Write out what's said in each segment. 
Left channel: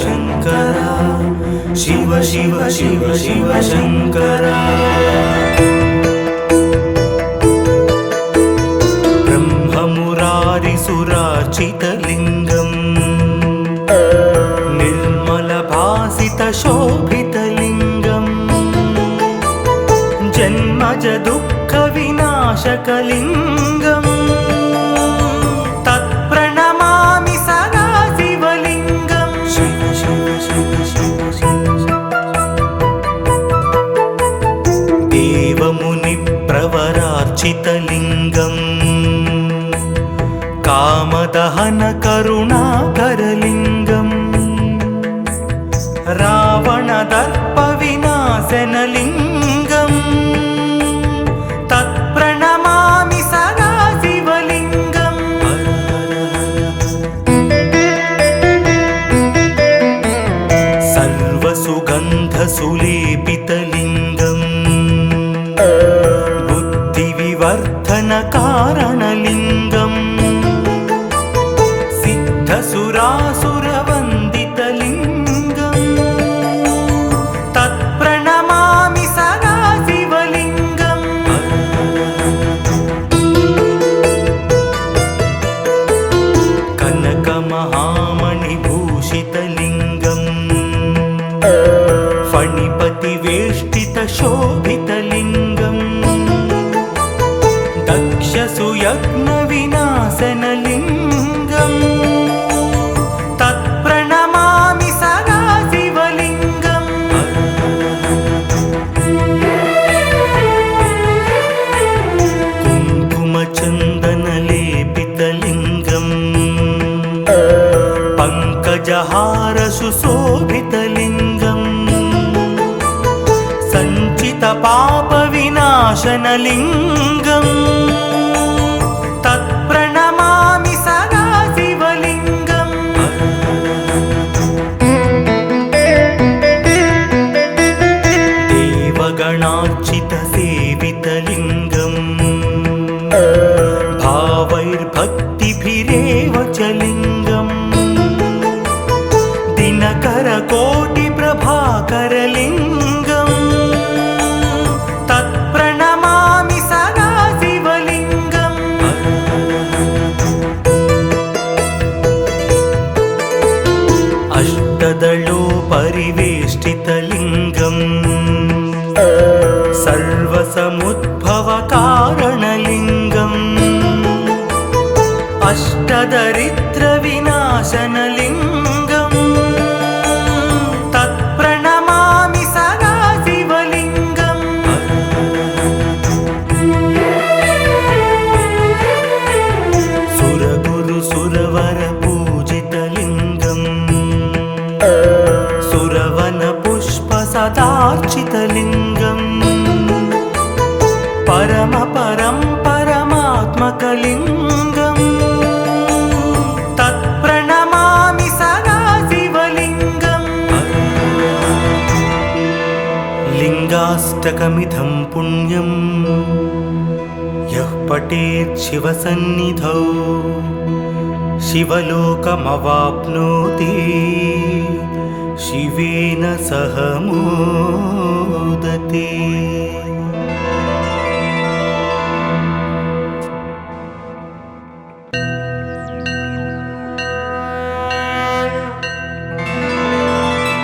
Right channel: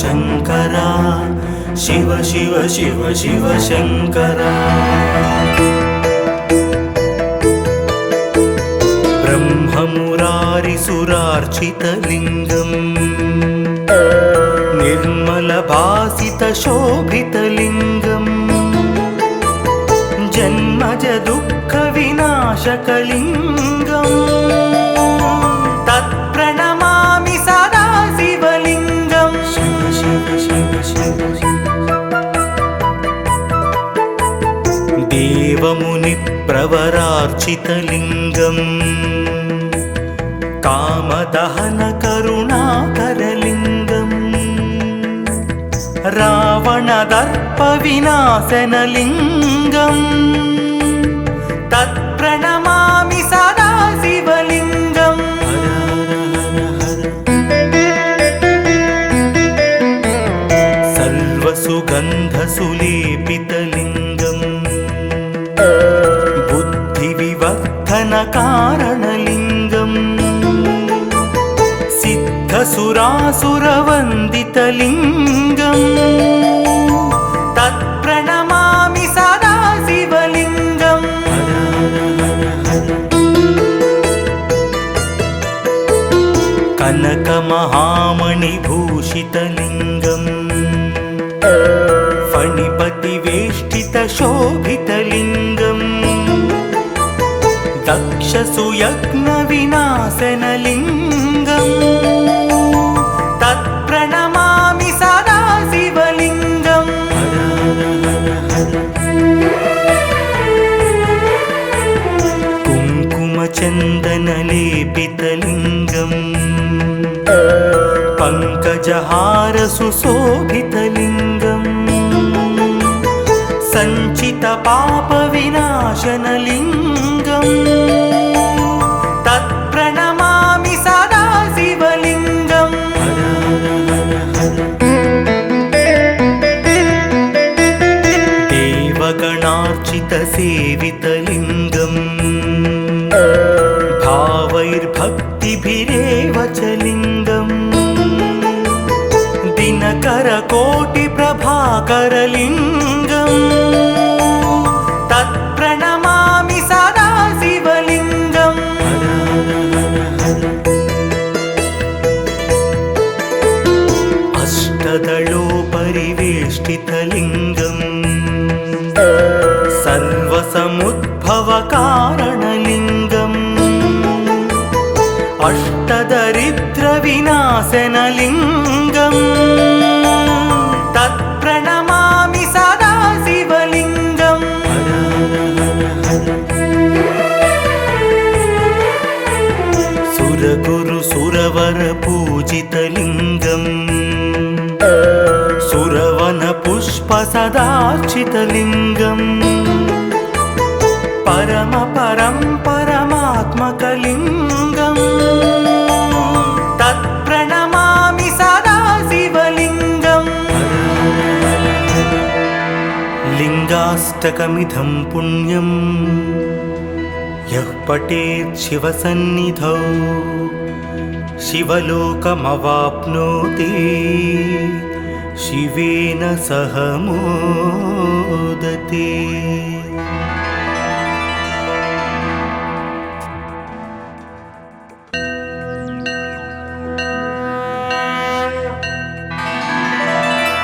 शङ्करा शिव शिव शिव शिव शङ्करा ब्रह्ममुरारिसुरार्चितलिङ्गम् निर्मलभासितशोभितलिङ्गम् जन्मज दुःखविनाशकलिङ्गम् प्रवरार्चितलिङ्गम् कामदहन करुणाकरलिङ्गम् रावणदर्पविनाशनलिङ्गम् तत्प्रणमामि सदा शिवलिङ्गम् सर्वसुगन्धसुलेपितलिङ्गम् कारणलिङ्गम् सिद्धसुरासुरवन्दितलिङ्गम् तत्प्रणमामि सदा शिवलिङ्गम् कनकमहामणिभूषितलिङ्गम् फणिपतिवेष्टितशोभितलिङ्गम् दक्षसुयज्ञविनाशनलिङ्गम् तत्प्रणमामि सदा शिवलिङ्गम् कुङ्कुमचन्दनलेपितलिङ्गम् पङ्कजहारसुशोभितलिङ्गम् सञ्चितपापविनाशनलिङ्गम् तत्प्रणमामि सदा शिवलिङ्गम् देवगणार्चितसेवितलिङ्गम् भावैर्भक्तिभिरेव च लिङ्गम् दिनकरकोटिप्रभाकरलिङ्गम् तत्प्रणमामि सदा शिवलिङ्गम् अष्टदलोपरिवेष्टितलिङ्गम् सर्वसमुद्भवकारणलिङ्गम् अष्टदरिद्रविनाशनलिङ्गम् तत्प्रणमामि सदा शिवलिङ्गम् सुरगुरुसुरवरपूजितलिङ्गम् सुरवनपुष्पसदार्चितलिङ्गम् परमात्मकलिङ्गम् तत्प्रणमामि सदा शिवलिङ्गम् लिङ्गाष्टकमिदं पुण्यम् यः पठेत् शिवसन्निधौ शिवलोकमवाप्नोति शिवेन सह मोदते।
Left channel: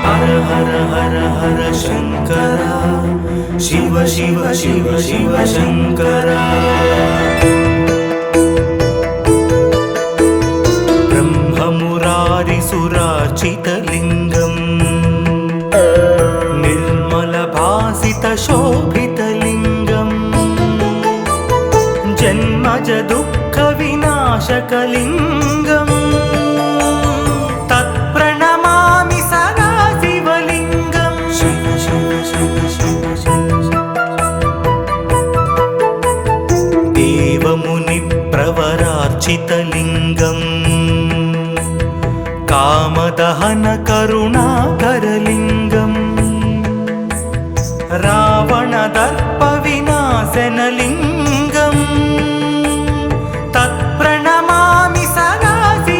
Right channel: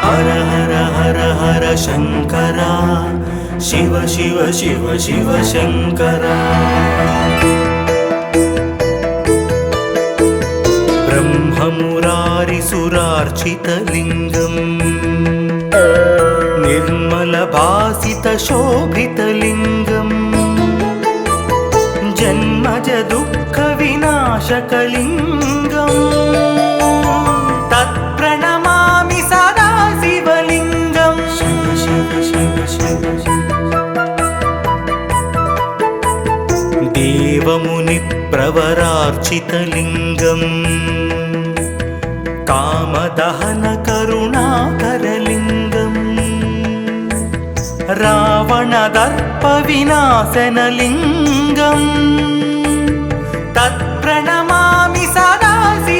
हर हर हर हर शङ्करा शिव शिव शिव शिव शङ्करा ब्रह्ममुरारिसुरार्चितलिङ्गम् निर्मलभासितशोभितलिङ्गम् जन्मज दुःखविनाशकलिङ्गम् तत्प्रणमामि सदा शिवलिङ्गम् देवमुनिप्रवरार्चितलिङ्गम् कामदहन करुणाकरलिङ्गम् रावणदर्पविनाशनलिङ्गम् तत्प्रणमामि सदा शिवलिङ्गम्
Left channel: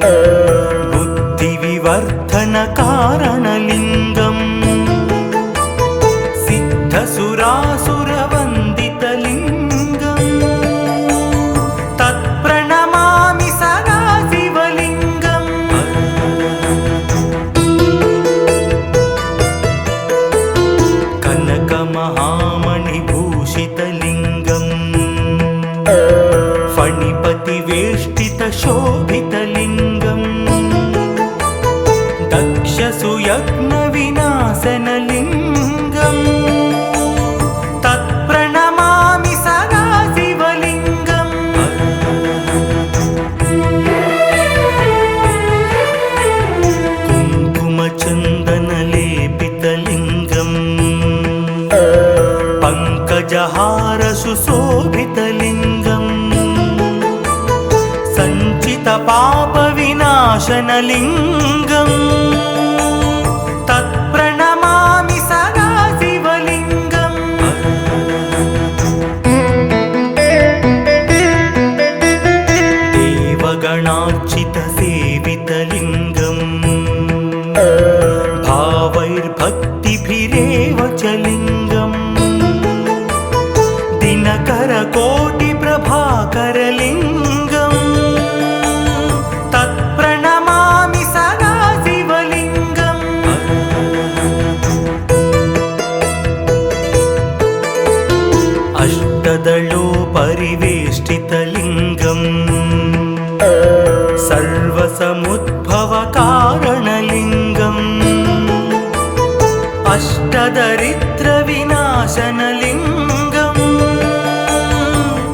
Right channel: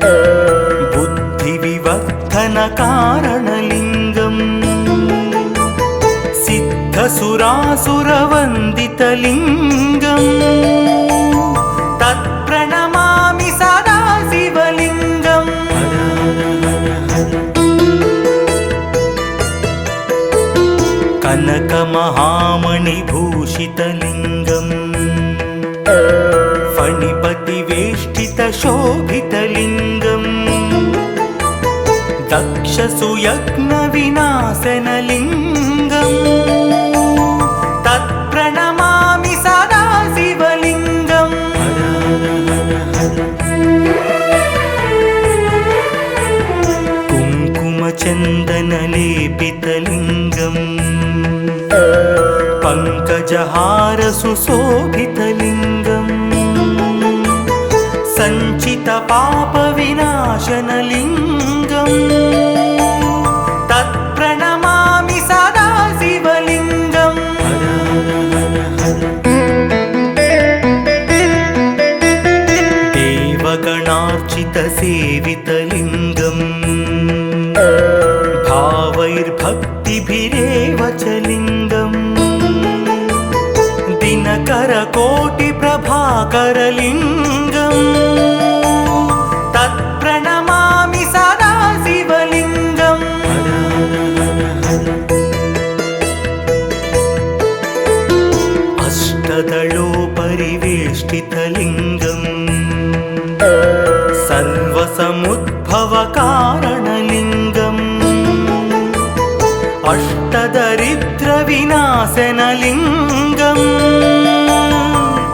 बुद्धिविवर्धनकारणलिङ्गं सिद्धसुरासुरवन्दितलिङ्गं तत्प्रणमामि सदा शिवलिङ्गं कनकमहामणिभूषितलिङ्गं फणिपतिवेष्टितशोभितलिङ्गं दक्षसुयज्ञविनाशनलिङ्गं तत्प्रणमामि सदा शिवलिङ्गं कुङ्कुमचन्दनलेपितलिङ्गं पङ्कजहारसुशोभितलिङ्गं सञ्चितपापविनाशनलिङ्गं तत्प्रणमामि सदा शिवलिङ्गं देवगणार्चितसेवितलिङ्गं भावैर्भक्तिभिरेव च लिङ्गं दिनकरकोटिप्रभाकरलिङ्गं तत्प्रणमामि सदा शिवलिङ्गं अष्टदलोपरिवेष्टितलिङ्गं सर्वसमुद्भवकारणलिङ्गं अष्टदरिद्रविनाशनलिङ्गं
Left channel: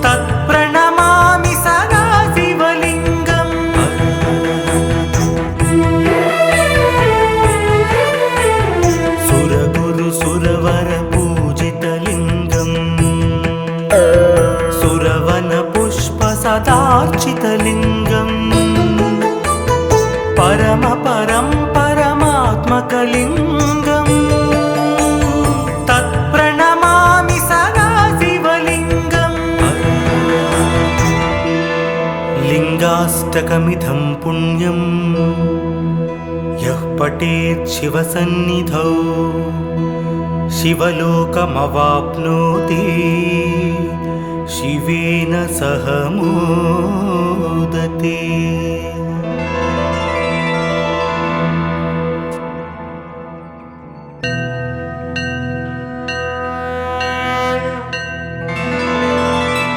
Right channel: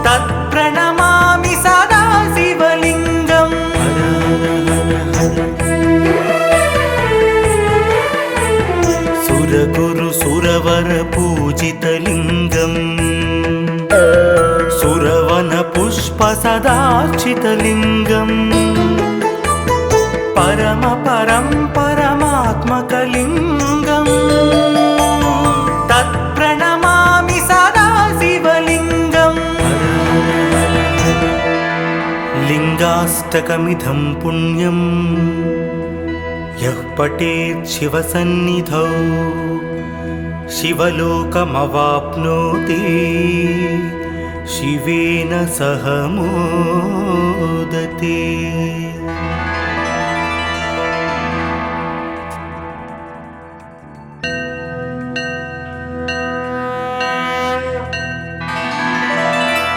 तत्प्रणमामि सदा शिवलिङ्गं सुरगुरुसुरवरपूजितलिङ्गं सुरवनपुष्पसदार्चितलिङ्गं परमात्मकलिङ्गं तत्प्रणमामि सदा शिवलिङ्गं लिङ्गाष्टकमिदं पुण्यं यः पठेत् शिवसन्निधौ शिवलोकमवाप्नोति शिवेन सह मोदते।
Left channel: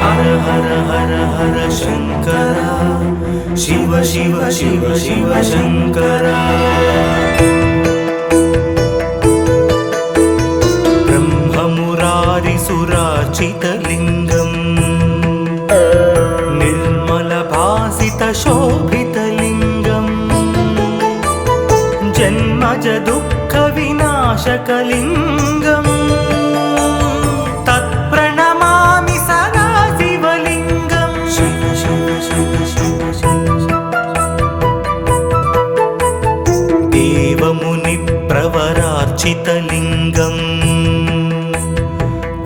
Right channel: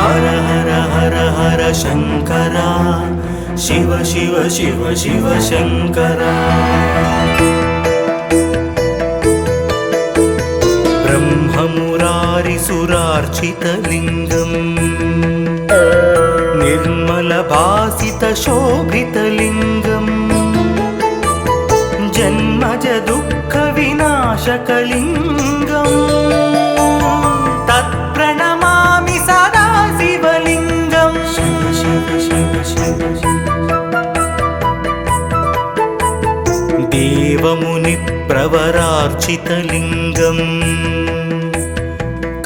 हर हर हर हर शङ्करा शिव शिव शिव शिव शङ्करा ब्रह्ममुरारिसुरार्चितलिङ्गं निर्मलभासितशोभितलिङ्गं जन्मजदुःखविनाशकलिङ्गं तत्प्रणमामि सदा शिवलिङ्गं शिव शिव शिव शिव देवमुनिप्रवरार्चितलिङ्गं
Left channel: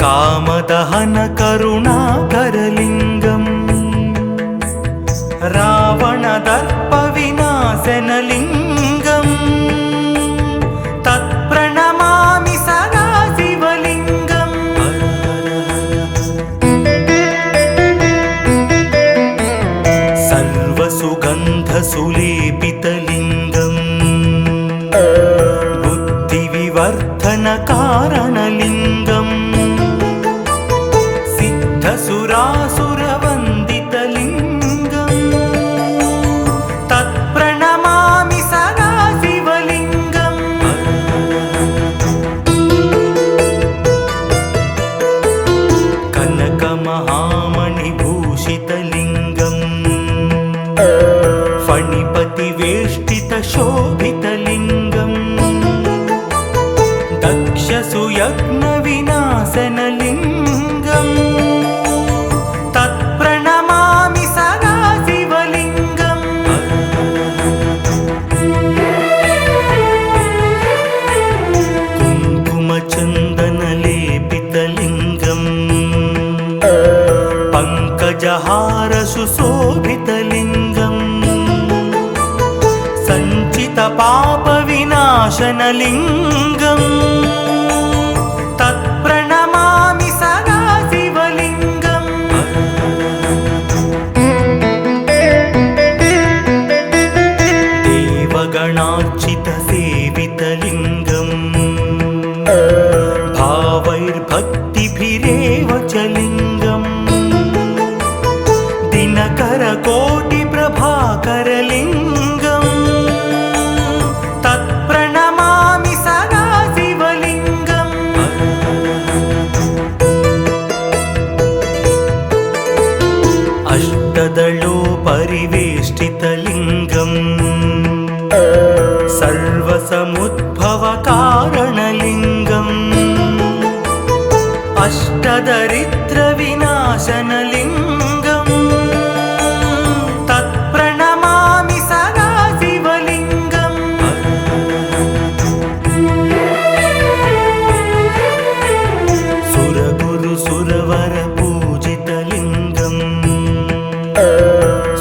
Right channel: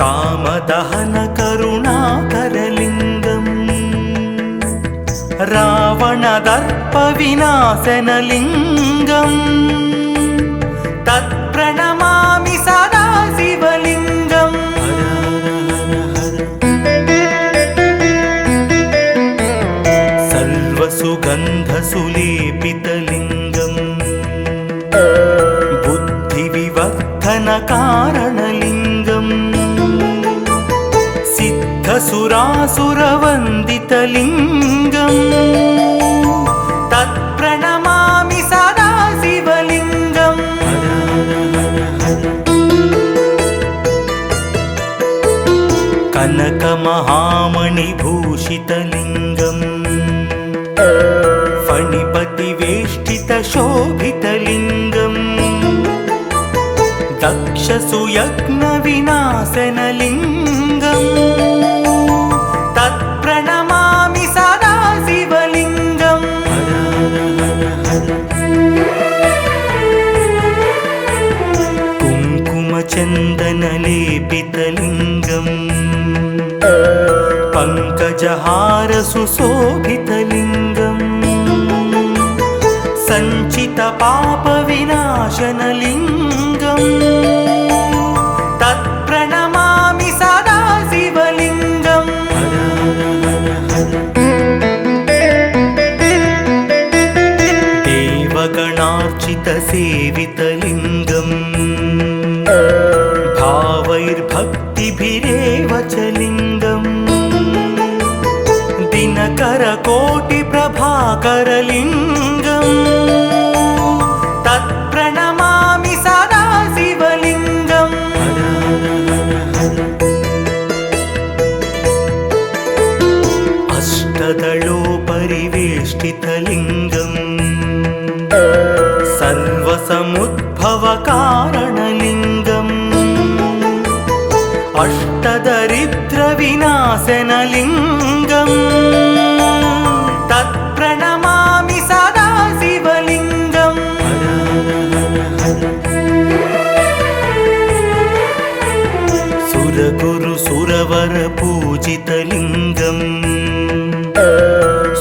कामदहनकरुणाकरलिङ्गं रावणदर्पविनाशनलिङ्गं तत्प्रणमामि सदा शिवलिङ्गं सर्वसुगन्धसुलेपितलिङ्गं बुद्धिविवर्धनकारणलिङ्गं सिद्धसुरासुरवन्दितलिङ्गं तत्प्रणमामि सदा शिवलिङ्गं कनकमहामणिभूषितलिङ्गं फणिपतिवेष्टितशोभितलिङ्गं दक्षसुयज्ञविनाशनलिङ्गं तत्प्रणमामि सदा शिवलिङ्गं कुङ्कुमचन्दनलेपितलिङ्गं पङ्कजहारसुशोभितलिङ्गं विनाशनलिङ्गम् तत्प्रणमामि सदा शिवलिङ्गम् देवगणार्चितसेवितलिङ्गम् भावैर्भक्तिभिरेव च लिङ्गम् दिनकरकोटिप्रभाकरलिङ्गम् तत्प्रणमामि सदा शिवलिङ्गम् अष्टदलोपरिवेष्टितलिङ्गम् सर्वसमुद्भवकारणलिङ्गम् अष्टदरिद्रविनाशनलिङ्गम् तत्प्रणमामि सदा शिवलिङ्गम् सुरगुरुसुरवरपूजितलिङ्गम्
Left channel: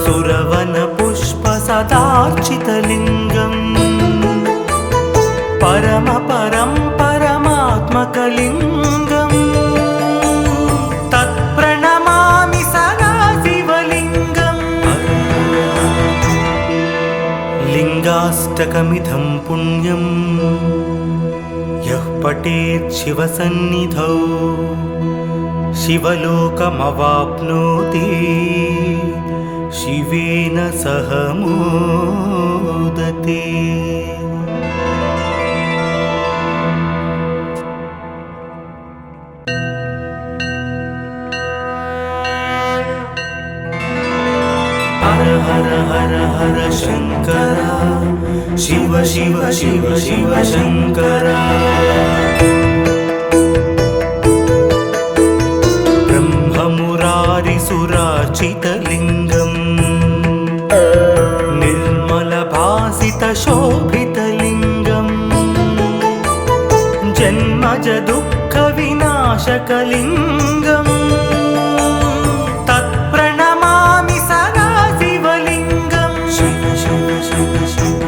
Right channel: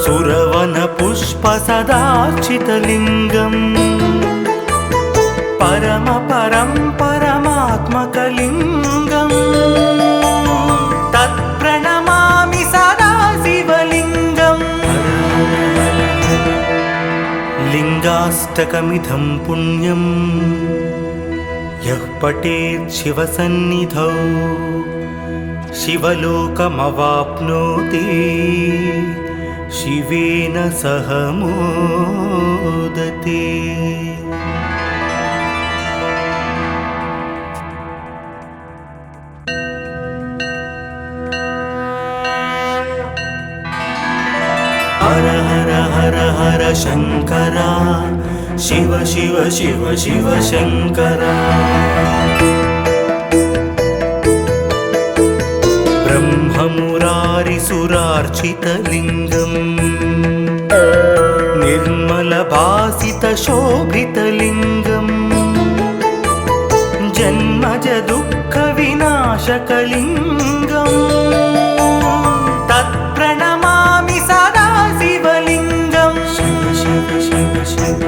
सुरवनपुष्पसदार्चितलिङ्गम् परमात्मकलिङ्गम् तत्प्रणमामि सदा शिवलिङ्गम् लिङ्गाष्टकमिदं पुण्यं यः पठेत् शिवसन्निधौ शिवलोकमवाप्नोति शिवेन सह मोदते। हर हर हर हर शंकरा शिव शिव शिव शिव शंकरा ब्रह्ममुरारिसुरार्चितलिङ्गम् निर्मलभासितशोभितलिङ्गम् जन्मज दुःखविनाशकलिङ्गम् तत्प्रणमामि सदा शिवलिङ्गम् शिव शिव शिव शिव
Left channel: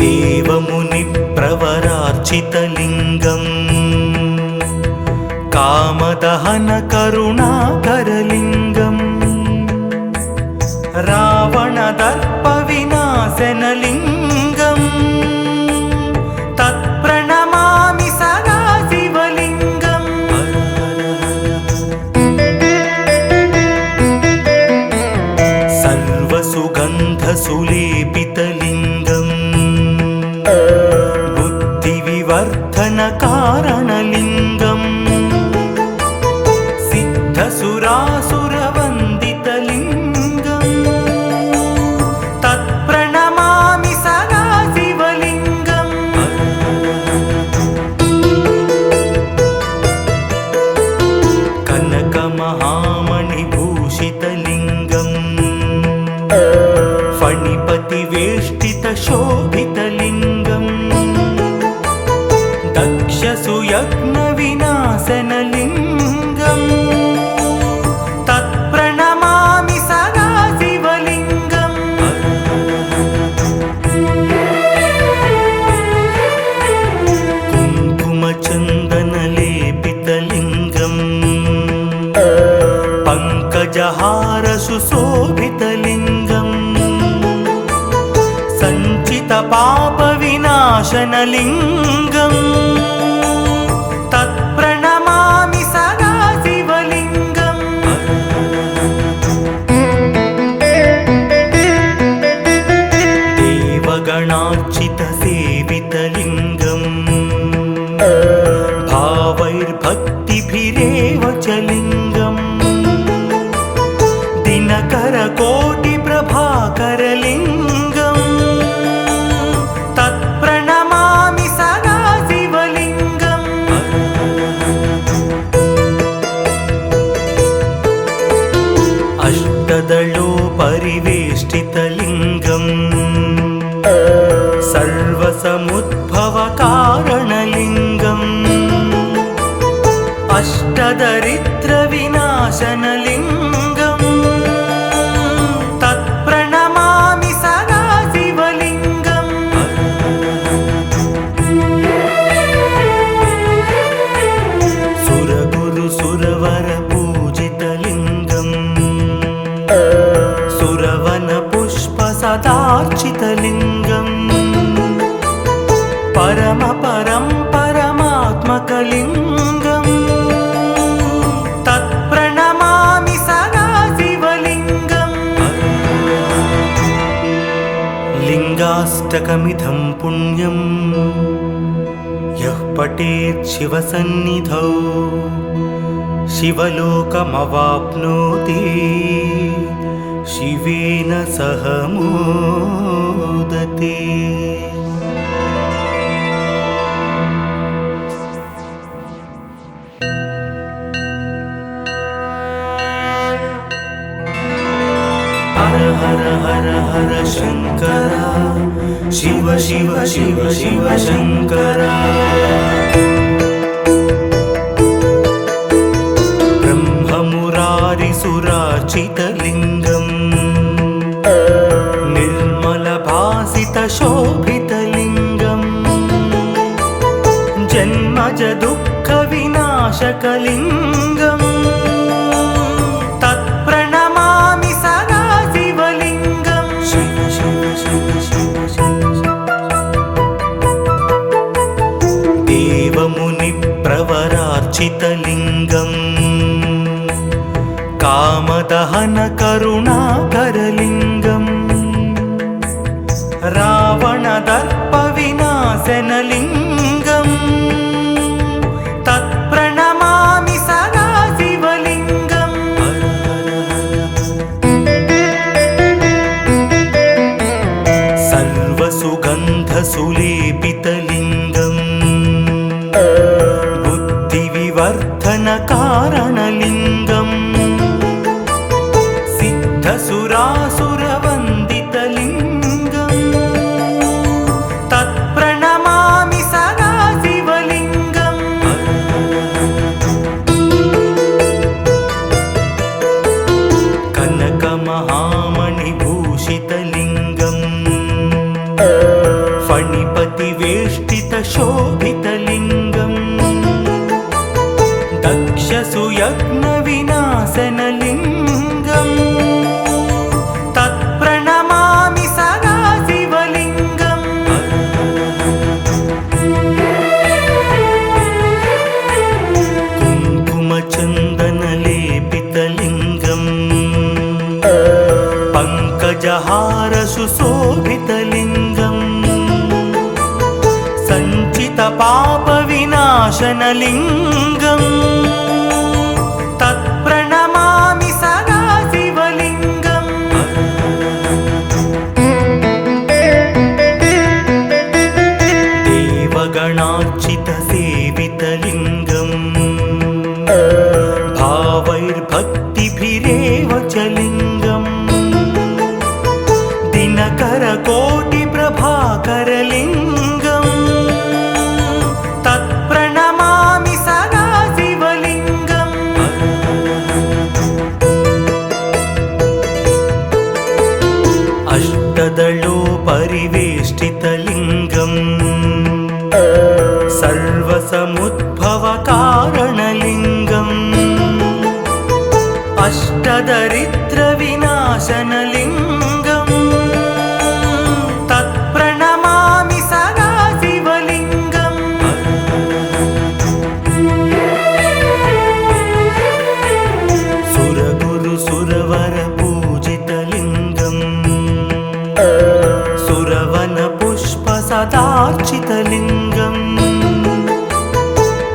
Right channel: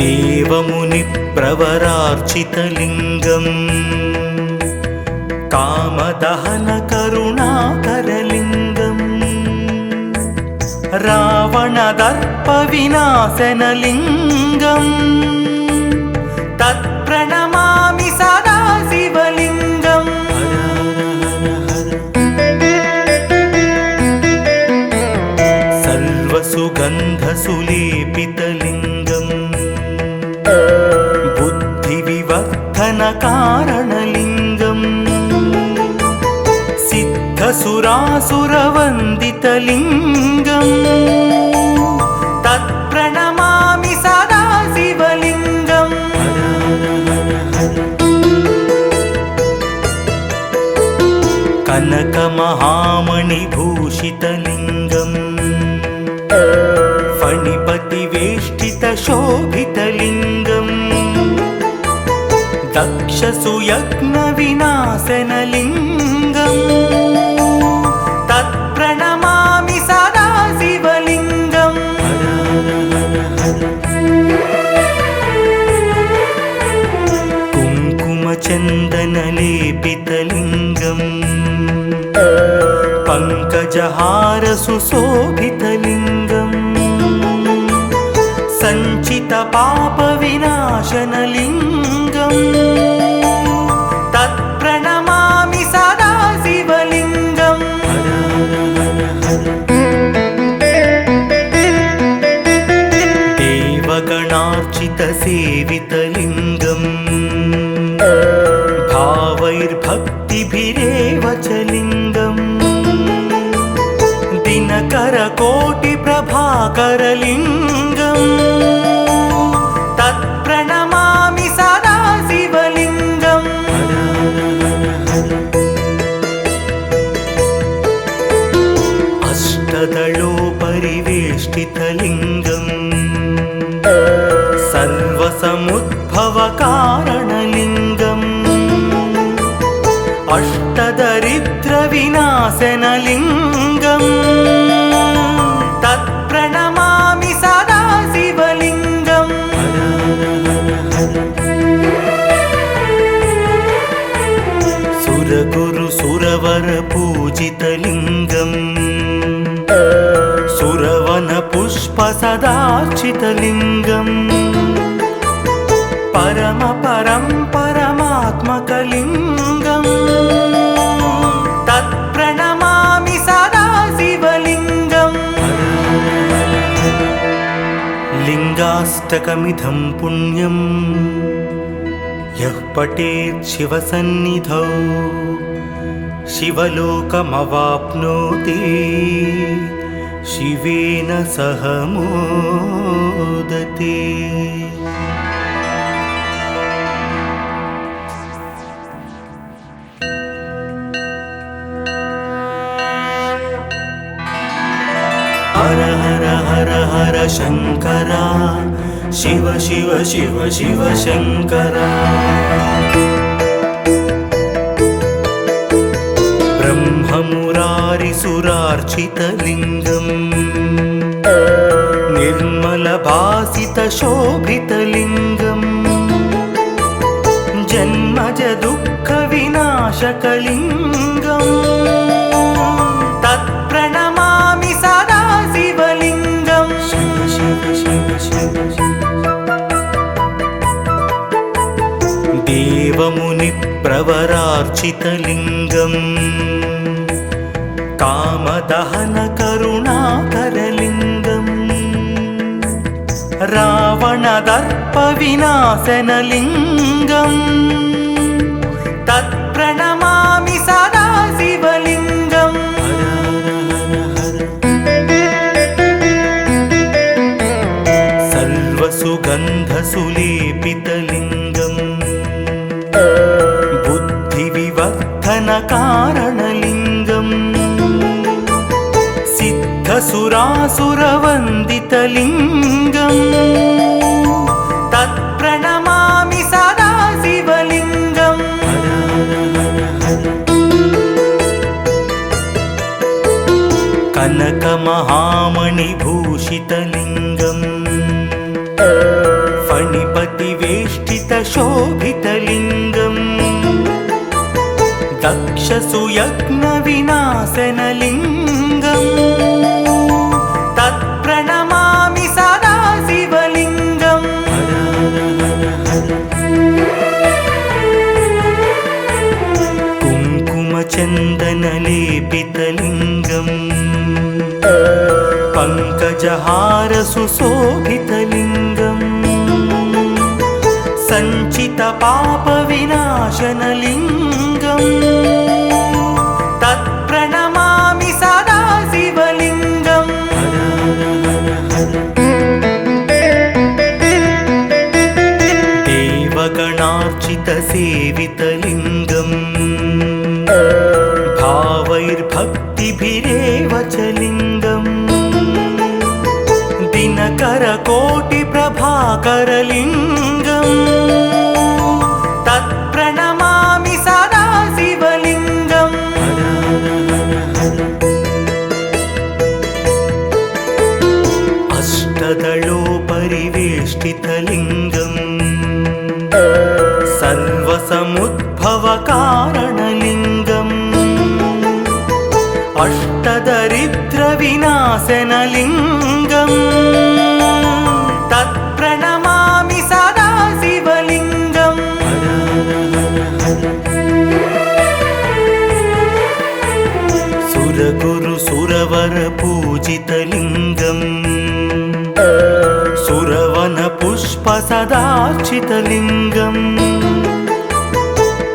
देवमुनिप्रवरार्चितलिङ्गम् कामदहनकरुणाकरलिङ्गम् रावणदर्पविनाशनलिङ्गम् तत्प्रणमामि सदा शिवलिङ्गम् सर्वसुगन्धसुलेपितलिङ्गम् बुद्धिविवर्धनकारणलिङ्गम् सिद्धसुरासुरवन्दितलिङ्गम् तत्प्रणमामि सदा शिवलिङ्गम् कनकमहामणिभूषितलिङ्गम् फणिपतिवेष्टितशोभितलिङ्गम् दक्षसुयज्ञविनाशनलिङ्गम् तत्प्रणमामि सदा शिवलिङ्गम् कुङ्कुमचन्दनलेपितलिङ्गम् पङ्कजहारसुशोभितलिङ्गम् सञ्चितपापविनाशनलिङ्गम् तत्प्रणमामि सदा शिवलिङ्गम् देवगणार्चितसेवितलिङ्गम् भावैर्भक्तिभिरेव च लिङ्गम् दिनकरकोटिप्रभाकरलिङ्गम् तत्प्रणमामि सदा शिवलिङ्गम् अष्टदलोपरिवेष्टितलिङ्गम् सर्वसमुद्भवकारणलिङ्गम् अष्टदरिद्रविनाशनलिङ्गम् तत्प्रणमामि सदा शिव सुरवन पुष्प सदार्चितलिङ्गम् परम परं परमात्मकलिङ्गम् तत्प्रणमामि सदा शिवलिङ्गम् लिङ्गाष्टकमिदं पुण्यम् यः पठेत् शिवसन्निधौ शिवलोकमवाप्नोति शिवेन सह मोदते। हर हर हर हर शंकरा शिव शिव शिव शिव शंकरा ब्रह्ममुरारिसुरार्चितलिङ्गम् निर्मलभासितशोभितलिङ्गम् जन्मज दुःखविनाशकलिङ्गम् तत्प्रणमामि सदा शिवलिङ्गम् शिव शिव शिव शिव देवमुनिप्रवरार्चितलिङ्गम् कामदहन करुणाकरलिङ्गम् रावणदर्पविनाशनलिङ्गम् तत्प्रणमामि सदा शिवलिङ्गम् सर्वसुगन्धसुलेपितलिङ्गम् बुद्धिविवर्धनकारणलिङ्गम् सिद्धसुरासुरवन्दितलिङ्गम् तत्प्रणमामि सदा शिवलिङ्गम् कनकमहामणिभूषितलिङ्गम् फणिपतिवेष्टितशोभितलिङ्गम् दक्षसुयज्ञविनाशनलिङ्गम् तत्प्रणमामि सदा शिवलिङ्गम् कुङ्कुमचन्दनलेपितलिङ्गम् पङ्कजहारसुशोभितलिङ्गम् सञ्चितपापविनाशनलिङ्गम् तत्प्रणमामि सदा शिवलिङ्गम् देवगणार्चितसेवितलिङ्गम् भावैर्भक्तिभिरेव च लिङ्गम् दिनकरकोटिप्रभाकरलिङ्गम् तत्प्रणमामि सदा शिवलिङ्गम् अष्टदलोपरिवेष्टितलिङ्गम् सर्वसमुद्भवकारणलिङ्गम् अष्टदरिद्रविनाशनलिङ्गम् तत्प्रणमामि सदा शिवलिङ्गम् सुरगुरुसुरवरपूजितलिङ्गम् सुरवनपुष्पसदार्चितलिङ्गम्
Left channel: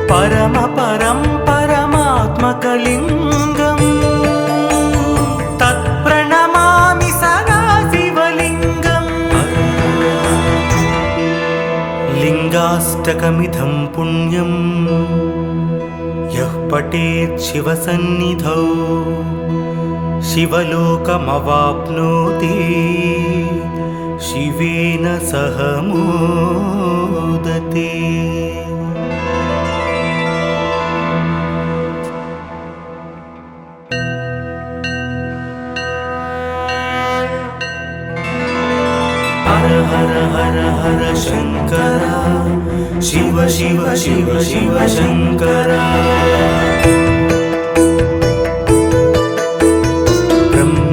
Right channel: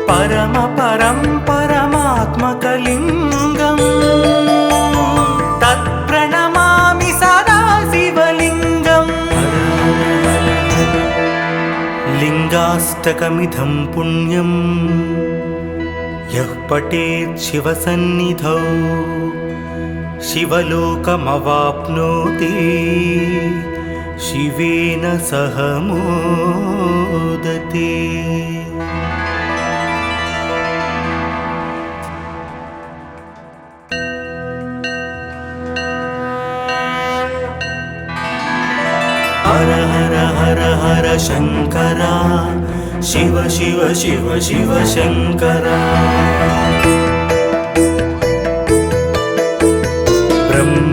परम परं परमात्मकलिङ्गम् तत्प्रणमामि सदा शिवलिङ्गम् लिङ्गाष्टकमिदं पुण्यम् यः पठेत् शिवसन्निधौ शिवलोकमवाप्नोति शिवेन सह मोदते। हर हर हर हर शंकरा शिव शिव शिव शिव शंकरा ब्रह्म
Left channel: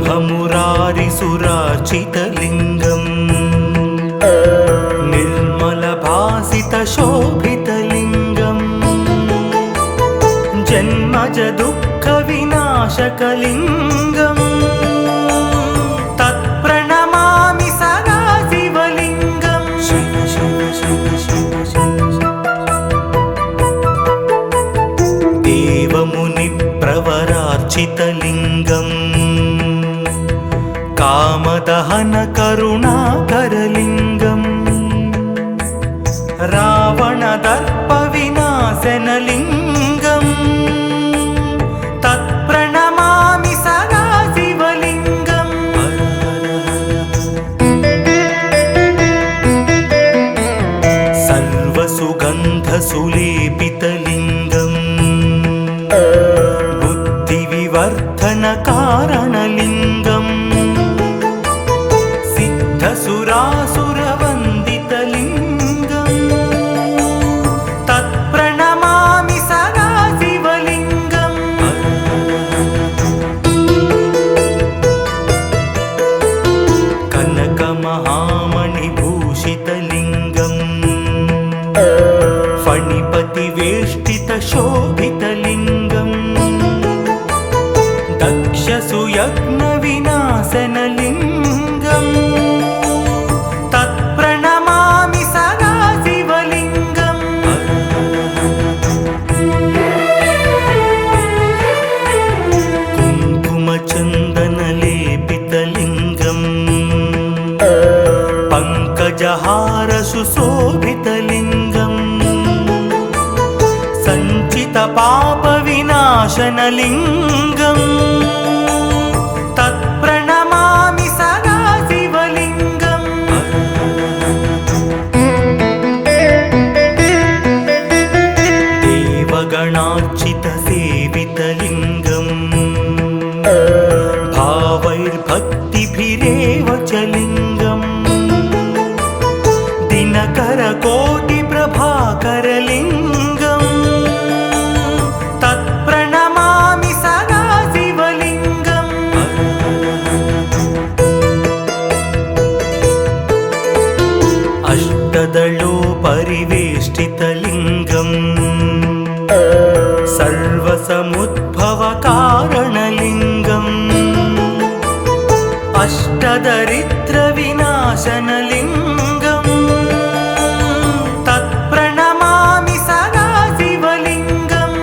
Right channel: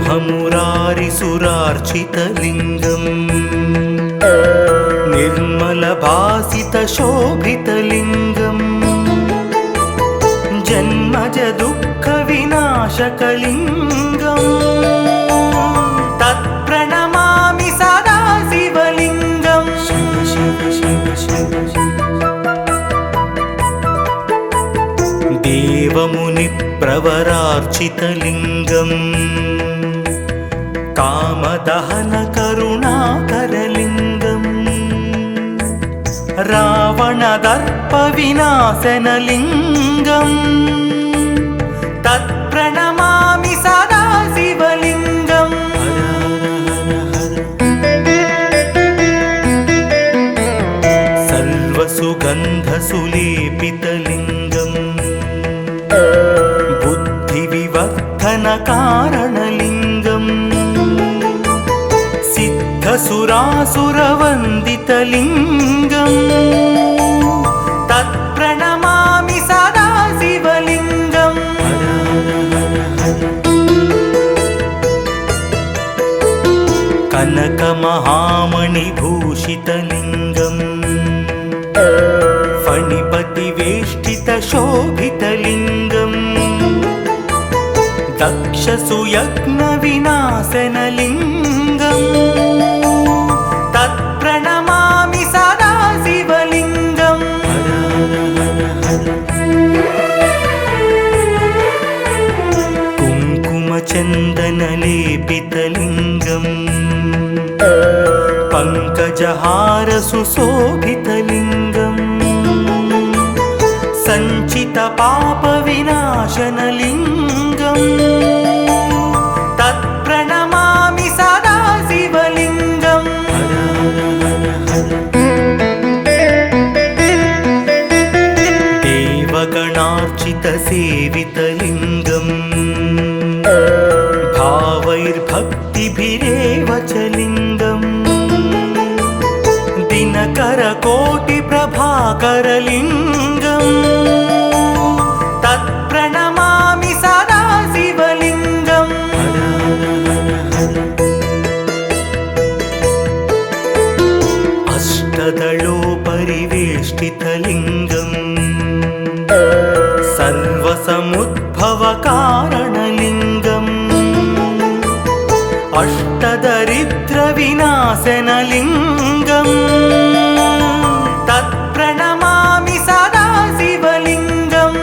कारणलिङ्गम् तत्प्रणमामि सदा शिवलिङ्गम् देवगणार्चितसेवितलिङ्गम् भावैर्भक्तिभिरेव च लिङ्गम् दिनकरकोटिप्रभाकरलिङ्गम् तत्प्रणमामि सदा शिवलिङ्गम् अष्टदलोपरिवेष्टितलिङ्गम् सर्वसमुद्भवकारणलिङ्गम् अष्टदरिद्रविनाशनलिङ्गम् तत्प्रणमामि सदा शिवलिङ्गम्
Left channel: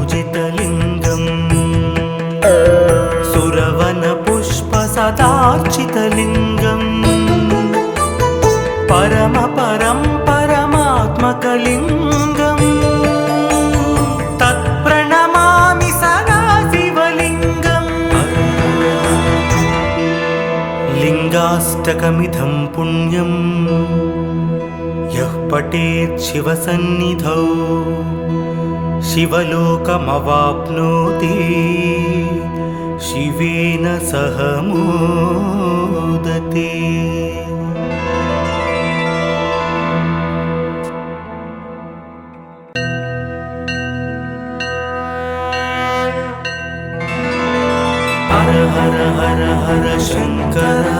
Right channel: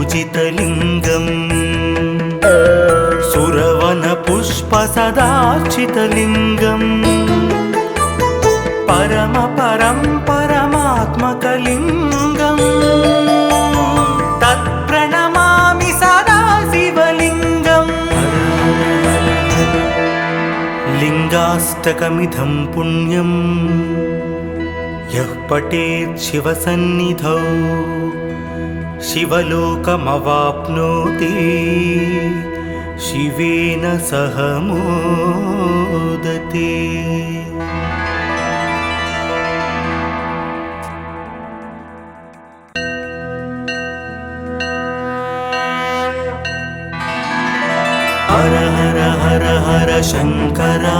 सुरगुरुसुरवरपूजितलिङ्गम् सुरवनपुष्पसदार्चितलिङ्गम् परमात्मकलिङ्गम् तत्प्रणमामि सदा शिवलिङ्गम् लिङ्गाष्टकमिदं पुण्यं यः पठेत् शिवसन्निधौ शिवलोकमवाप्नोति शिवेन सह मोदते। हर हर हर हर शंकरा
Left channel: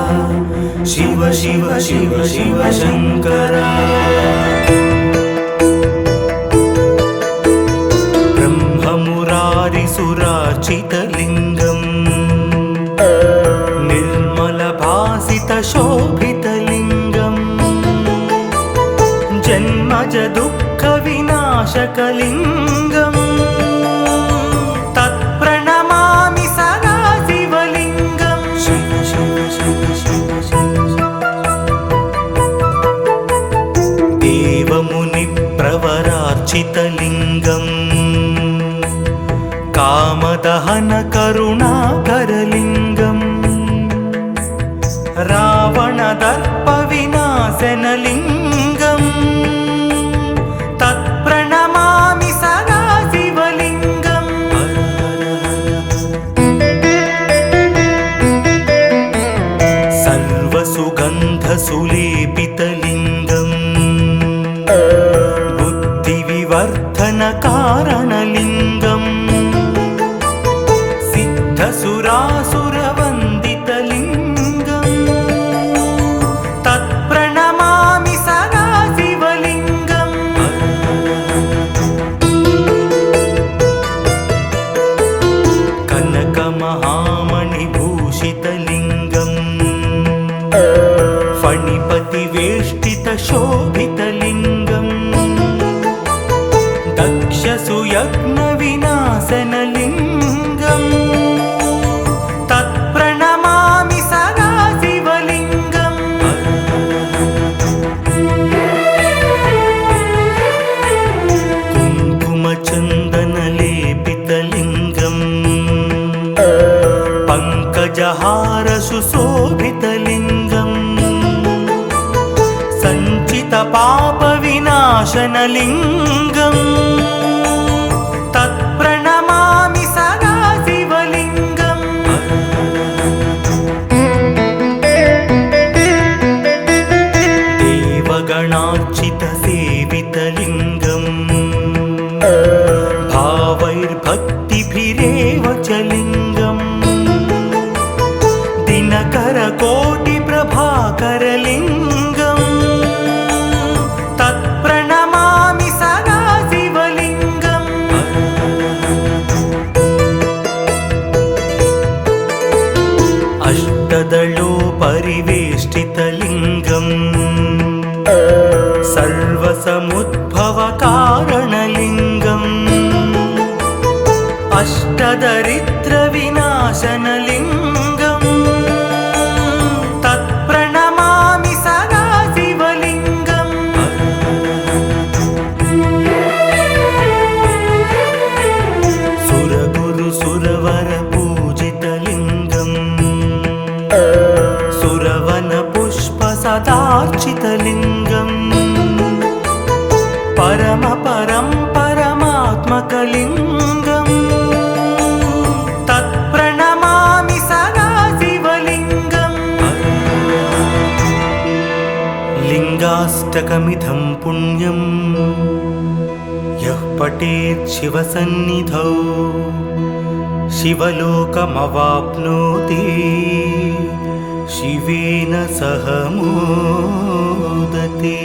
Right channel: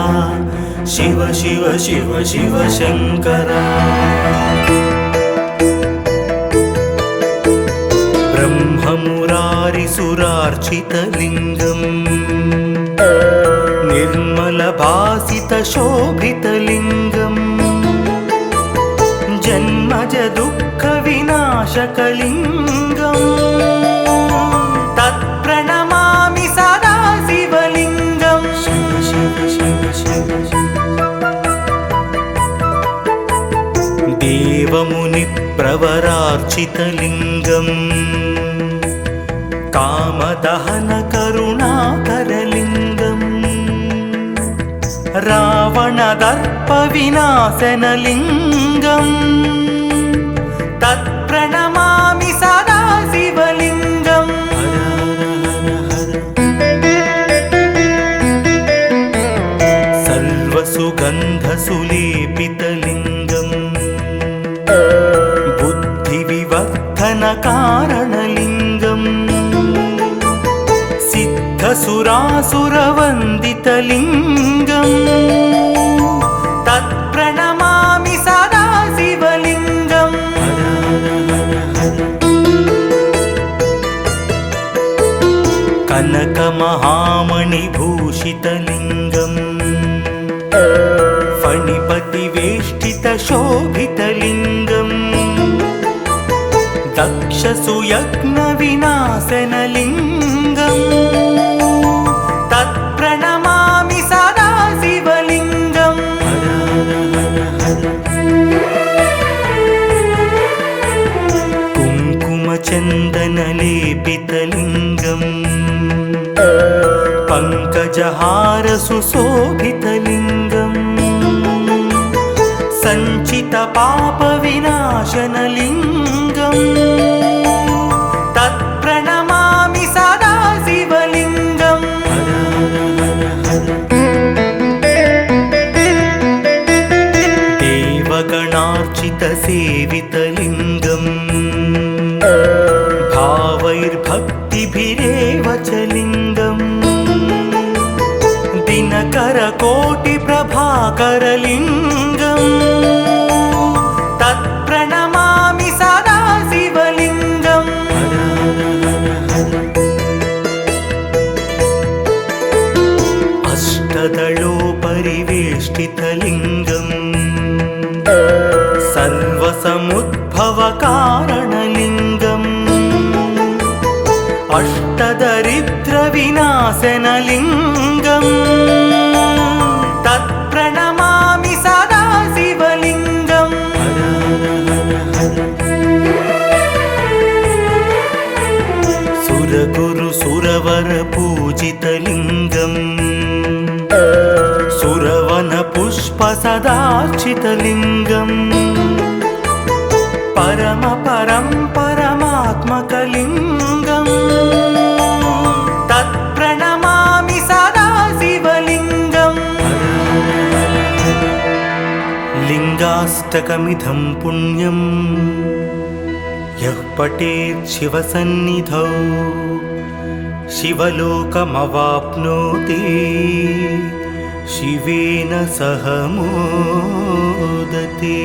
शिव शिव शिव शिव शंकरा ब्रह्ममुरारिसुरार्चितलिङ्गम् निर्मलभासितशोभितलिङ्गम् जन्मज दुःखविनाशकलिङ्गम् तत्प्रणमामि सदा शिवलिङ्गम् देवमुनिप्रवरार्चितलिङ्गम् कामदहनकरुणाकरलिङ्गम् रावणदर्पविनाशनलिङ्गम् तत्प्रणमामि सदा शिवलिङ्गम् सर्वसुगन्धसुलेपितलिङ्गम् बुद्धिविवर्धनकारणलिङ्गम् सिद्धसुरासुरवन्दितलिङ्गम् तत्प्रणमामि सदा शिवलिङ्गम् कनकमहामणिभूषितलिङ्गम् फणिपतिवेष्टितशोभितलिङ्गम् दक्षसुयज्ञविनाशनलिङ्गम् तत्प्रणमामि सदा शिवलिङ्गम् कुङ्कुमचन्दनलेपितलिङ्गम् पङ्कजहारसुशोभितलिङ्गम् सञ्चितपापविनाशनलिङ्गम् तत्प्रणमामि सदा शिवलिङ्गम् देवगणार्चितसेवितलिङ्गम् भावैर्भक्तिभिरेव च लिङ्गम् दिनकरकोटिप्रभाकरलिङ्गम् तत्प्रणमामि सदा शिवलिङ्गम् अष्टदलोपरिवेष्टितलिङ्गम् सर्वसमुद्भवकारणलिङ्गम् पठेत् शिवसन्निधौ शिवलोकमवाप्नोति शिवेन सह मोदते।